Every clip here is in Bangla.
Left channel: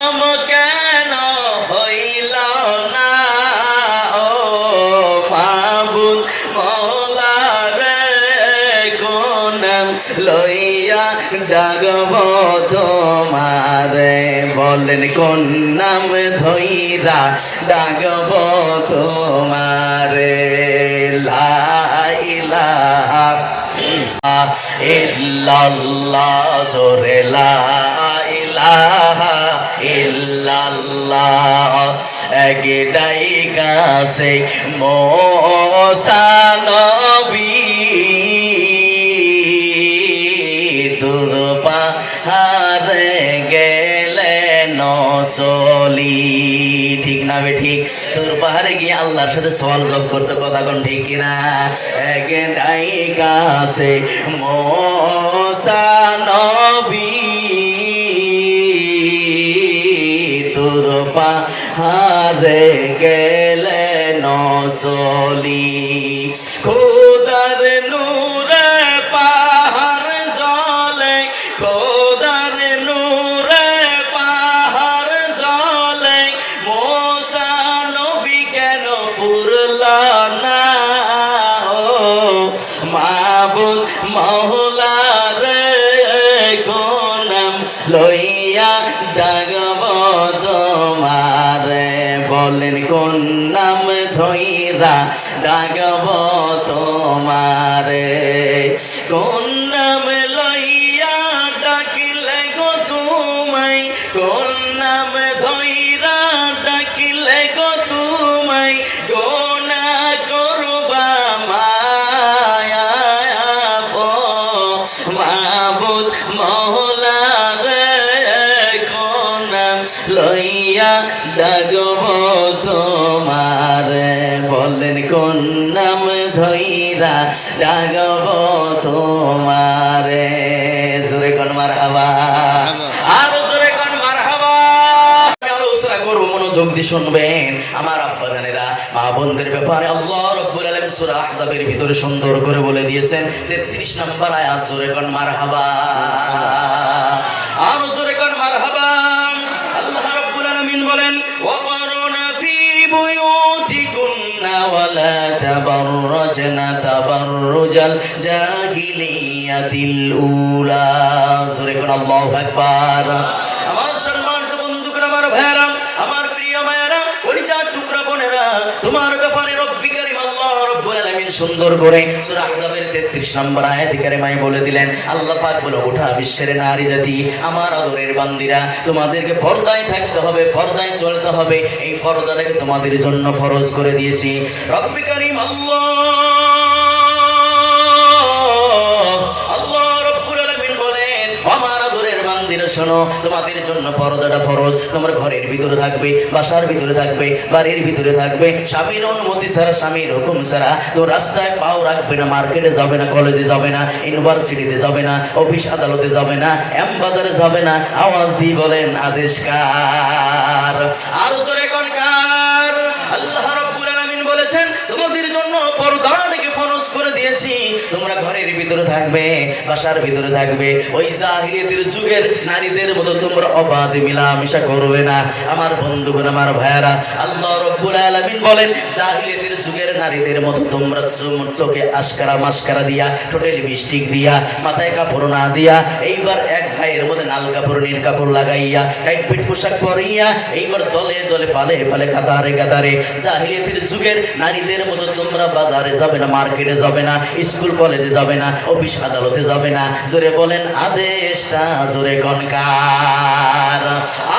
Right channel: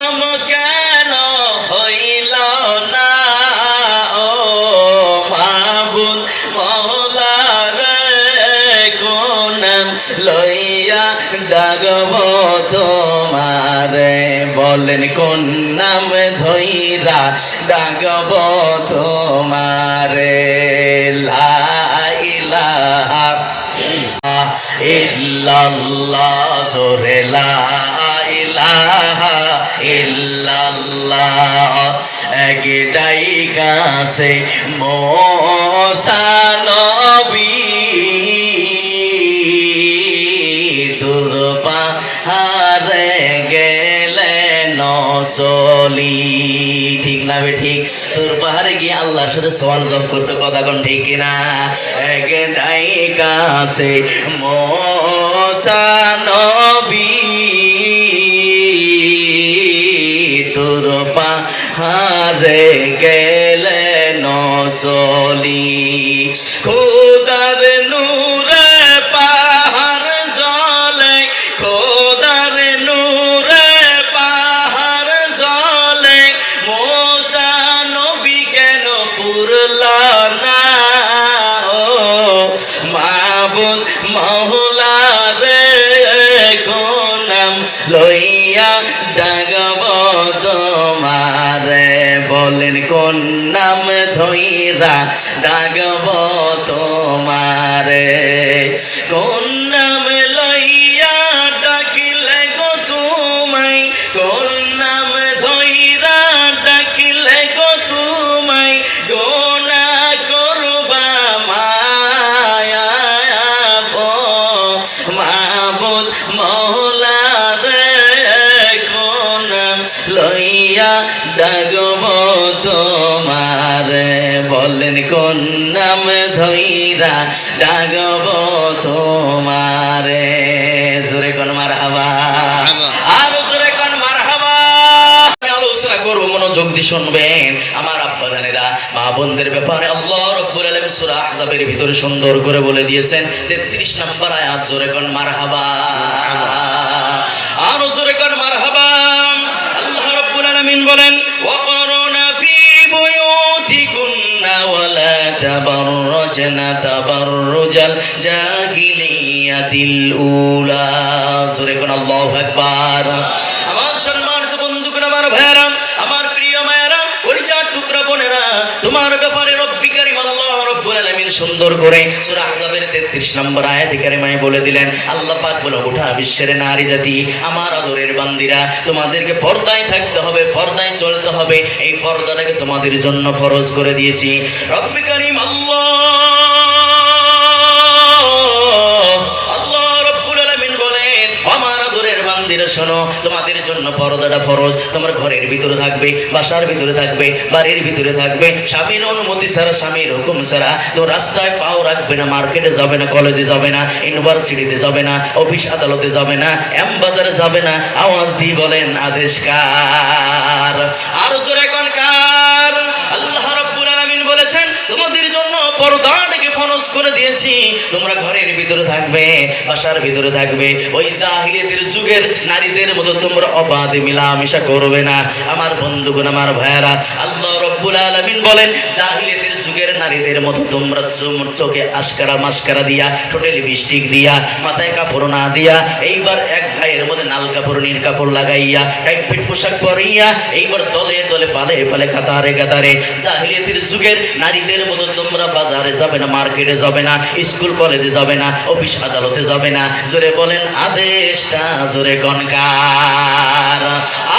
কেন হইল না ও মাবুদ মওলা রে, কোন লইয়া ডাকব তোমারে, বলেন কোন নাম ধইরা ডাকব তোমারে। লা ইলাহা ইল্লাল্লাহ, জোরে লা ইলাহা ইল্লাল্লাহ। একটাই কাছে মুসা নবী, দূর পাহাড়ে গেলেন চলি। ঠিক না বে ঠিক? তোর পাহাড়ে গিয়ে আল্লাহর সাথে সওয়াল জব করতে, কথা কোন ঠিক কিনা? একটাই কাছে মুসা নবী, তোর পাহাড়ে গেলেন চলি। খোদার নূরে পাহাড় জ্বলে, খোদার নূরে পাহাড় জ্বলে, মুসা নবী কেন পুরলা না ও মাবুদ মওলা রে, কোন নাম লইয়া ডাকব তোমারে, বলেন কোন নাম ধইরা ডাকব তোমারে। কোন নাম লইয়া ডাকিলে গো তোমায়, কোন নাম ধইরা ডাকিলে গো তোমায়, গোনা করবা মায়া ও মাবুদ মওলা রে, কোন নাম লইয়া ডাকব তোমারে, বলেন কোন নাম ধইরা ডাকব তোমারে। জোরে কোন মারহাবা, আরো জোরে কোন মারহাবা। আলোচনা করব, মনোযোগ দিয়ে শুনবেন আমার আব্বাজানেরা, মা বোনদের ব্যাপারে আল্লাহ রাব্বুল আলামিন সূরা আহজাবের ভিতরে সুন্দর করে বলে দিয়েছেন 33 নম্বর আয়াত। জোরে কোন মারহাবা, আরো জোরে কোন মারহাবা। আল্লাহ রাব্বুল আলামিন বলেন, ওয়াকরনা ফি বুয়ুতিকুন্না ওয়ালা তাবাররাজনা তাবাররুজাল জাহিলিয়াতিল উলা। জোরে কোন আল্লাহু আকবার। আমার সম্মানিত বন্ধুরা, আমার ভাইরা, আমার প্রিয় মায়েরা, পরিচার টুকরা বোনেরা, তোমার ব্যাপারে রব্বি কারীম আল্লাহ রাব্বুল আলামিন সুন্দর করে সূরা আহজাবের 33 নম্বর আয়াতে কারিমায় বলে দিলেন, আল্লাহ পাক বলে, গোটা বিশ্বের নারী জাতি, আমার আদরের বান্দিরা, তোমাদেরকে পর্দায় থাকতে হবে, পর্দায় চলতে হবে। এই পর্দাটাকে তোমাদের জন্য ফরজ করে দিয়েছি। রব্বি কারীম আল্লাহ রাব্বুল আলামিন বলেন, আমার আদরের বান্দিরা শোনো, তোমাদের জন্য পর্দাটা ফরজ। তোমার ঘরের ভিতরে থাকবে, বাসার ভিতরে থাকবে, বাড়ির ভিতরে থাকবে, স্বামীর অনুমতি ছাড়া, স্বামীর হুকুম ছাড়া তো রাস্তায় পাও রাখবে না, মার্কেটে যাবে না, কলেজে যাবে না, ইউনিভার্সিটিতে যাবে না, অফিস আদালতে যাবে না, এম বাজারে যাবে না। আওয়াজ দিয়ে বলেন, আদেশ কার? আর জোরে কোন কার? আল্লাহ রাব্বুল আলামিন বলেছেন, তোমাদের জন্য পর্দাটাকে ফরজ করে দিয়েছি। তোমরা ঘরের ভিতরে থাকবে, বাসার ভিতরে থাকবে, ওই জাহিলিয়াতের যুগের নারীদের মতো তোমরা অবাধে মিলামেশা করবে না। আমার বন্ধুগণ, আমার ভাইয়ারা, আল্লাহ রাব্বুল আলামিন বলেন, জাহিলিয়াতের যুগের নারীদের মতো তোমরা চোখে আশকারা মাস্কারা দিয়া, ঠোঁটে লিপস্টিক দিয়া, মাথায় কাপড় না দিয়া, এইবার এক গায়ের মধ্যে নাল কাপড় নীল কাপড় লাগাইয়া, টাইট পোশাক পরিয়া, এইবার দলে দলে পালে পালে কাতারে কাতারে জাহিলিয়াতের যুগের নারীদের মতো তোমরা বাজারে যাবে না, মার্কেটে যাবে না, স্কুল কলেজে যাবে না, অফিস আদালতে যাবে না। জোরে বলেন, আদেশটা জোরে কোন কার?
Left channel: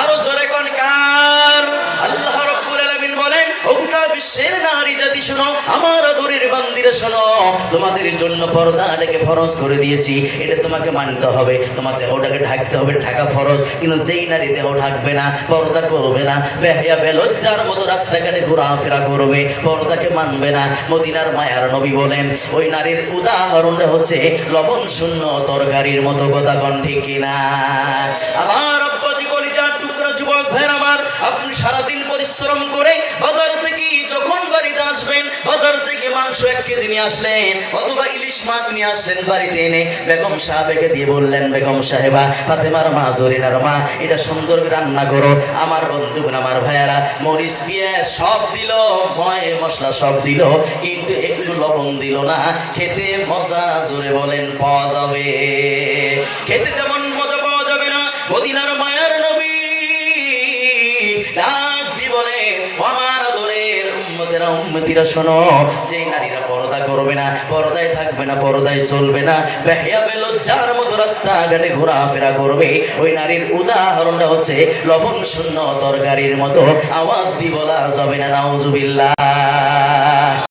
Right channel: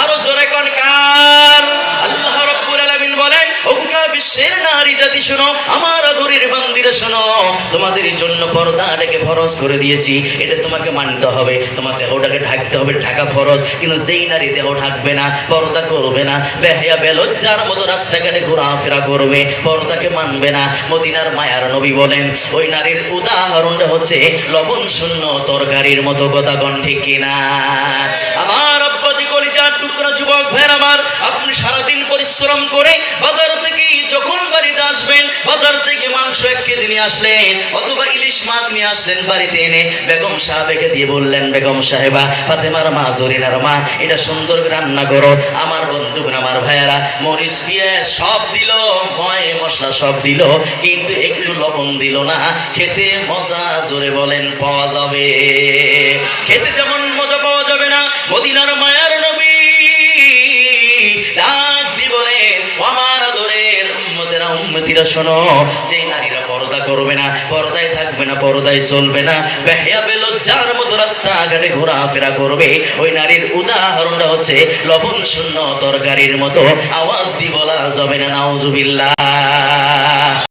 আরো জোরে কোন কার? আল্লাহ রাব্বুল আলামিন বলেন, ও গোটা বিশ্বের নারী জাতি শোনো, আমার আদরের বান্দিরা শোনো, তোমাদের জন্য পর্দাটাকে ফরজ করে দিয়েছি। এটা তোমাকে মানতে হবে, তোমার দেহটাকে ঢাকতে হবে, ঢাকা ফরজ। কিন্তু যেই নারী দেহ ঢাকবে না, পর্দা করবে না, বেহায়া বেলজ্জার মতো রাস্তাঘাটে ঘোরাফেরা করবে, পর্দাকে মানবে না, মদিনার মায়ার নবী বলেন, ওই নারীর উদাহরণটা হচ্ছে লবণ শূন্য তরকারির মতো। কথা কোন ঠিক কিনা? আমার আব্বাজি কলিজার টুকরা যুবক ভাইরা আমার, আপনি সারাদিন পরিশ্রম করে বাজার থেকে যখন বাড়িতে আসবেন, আসবেন, বাজার থেকে মাংস 1 কেজি নিয়ে আসলেন অথবা ইলিশ মাছ নিয়ে আসলেন বাড়িতে এনে বেগম সাহেবকে দিয়ে বললেন, বেগম সাহেবা, ফাতেমার মা, জরিনার মা, এটা সুন্দর করে রান্না করো। আমার বন্ধুগণ, আমার ভাইয়ারা, মরিচ পেঁয়াজ সব দিল, মশলা সব দিল, কিন্তু একটু লবণ দিল না। খেতে মজা জোরে বলেন পাওয়া যাবে? খেতে যেমন মজা পাওয়া যাবে না, মদিনার মায়ার নবী ডাক দি বলেন, আমার আদরের উম্মতেরা, উম্মতিরা শোনো, যে নারীরা পর্দা করবে না, পর্দায় থাকবে না, পর্দায় চলবে না, বেহিয়া বেলজ্জার মতো রাস্তাঘাটে ঘোরাফেরা করবে, ওই নারীর উদাহরণটা হচ্ছে লবণ শূন্য তরকারির মতো। আওয়াজ দি বলা যাবে না নাউজুবিল্লাহ।